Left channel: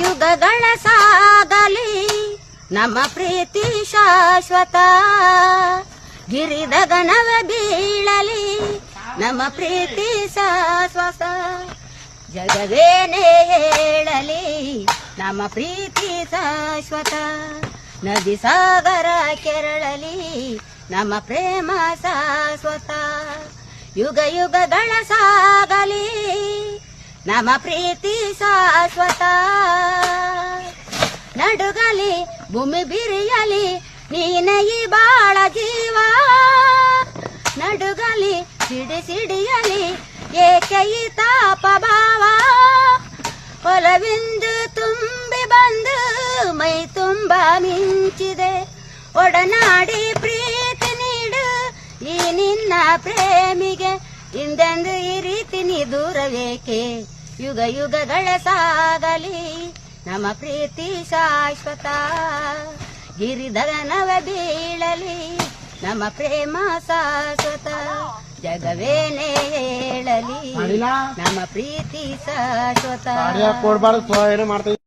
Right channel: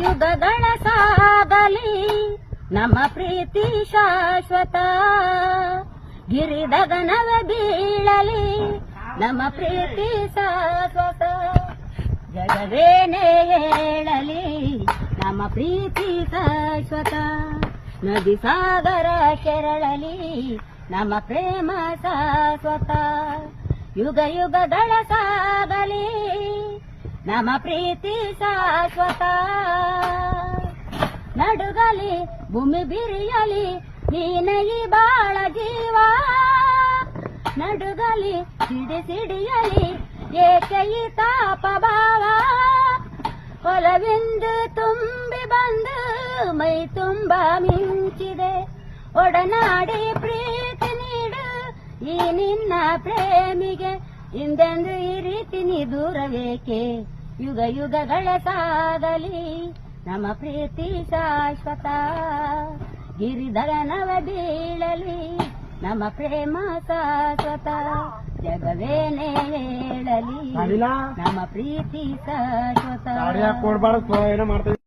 ಯುಗಗಳ ಸಾಗಲಿ ನಮ್ಮ ಪ್ರೀತಿ ಶಾಶ್ವತ, ಗಿರಿದಗನವ ಬೀಳಲಿ ನಮ್ಮ ಪ್ರೀತಿ ಶಾಶ್ವತ, ಜಗವೇನೇ ಹೇಳಲಿ ನಮ್ಮ ಪ್ರೀತಿ ಶಾಶ್ವತ, ನದಿ ಸಾಗರ ಕೆರಳಲಿ ನಮ್ಮ ಪ್ರೇಮ ಶಾಶ್ವತ, ಯುಗ ಯುಗಗಳ ಸಾಗಲಿ ನಮ್ಮ ಪ್ರೀತಿ ಶಾಶ್ವತ, ನಡುಗಲಿ ಭೂಮಿ ಬಿರಿಯಲಿ ನೀನಯಿ ಬಾಳ ಜೀವ, ನಡುಗಲಿ ಸಿಡಿಸಿಡಿಯಲಿ ಏಕೈ ತಾಪ ಭಾವ, ಒಲವೆಂದು ತುಂಬಿ ಬಂದು ಮೈ ತುಂಬ ಮಿಂಚಿದೆ, ಒಡನಾಡಿ ಪ್ರೀತಿ ನೀಡು ಈ ನಿನ್ನ ಪ್ರೇಮಿಗೆ, ಹಿಂದೆಂದು ಈ ರೀತಿ ನೀ ದೂರವೇಕೆ, ಯುಗ ಯುಗಗಳ ಸಾಗಲಿ ನಮ್ಮ ಪ್ರೀತಿ ಶಾಶ್ವತ, ಗಿರಿಧರನವ ಬೀಳಲಿ ನಮ್ಮ ಪ್ರೇಮ ಶಾಶ್ವತ, ಜಗವೇನೇ ಹೇಳಲಿ ನಮ್ಮ ಪ್ರೀತಿ ಶಾಶ್ವತ.